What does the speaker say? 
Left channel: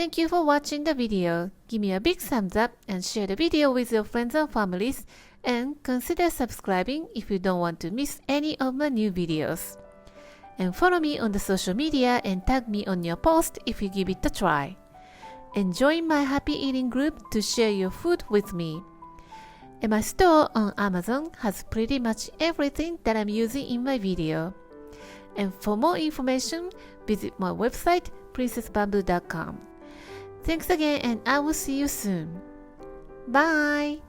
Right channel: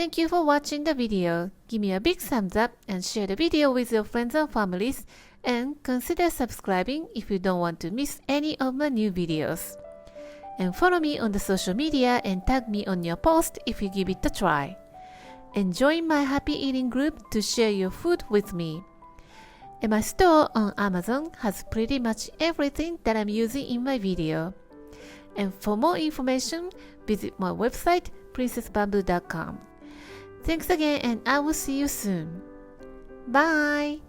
Thank you for watching the video. Give me a big thumbs up and share the video with your friends and families, and consider subscribing if you don't want to miss any of my new videos. And follow me on the social media and tag me on your post if you give it a try. And join my happy eating group to share your food with me. And my store on Amazon has pretty much everything that I'm using in my video. And for more information, visit my website princessbamboo.com. Thanks again, and I will see you soon. Bye!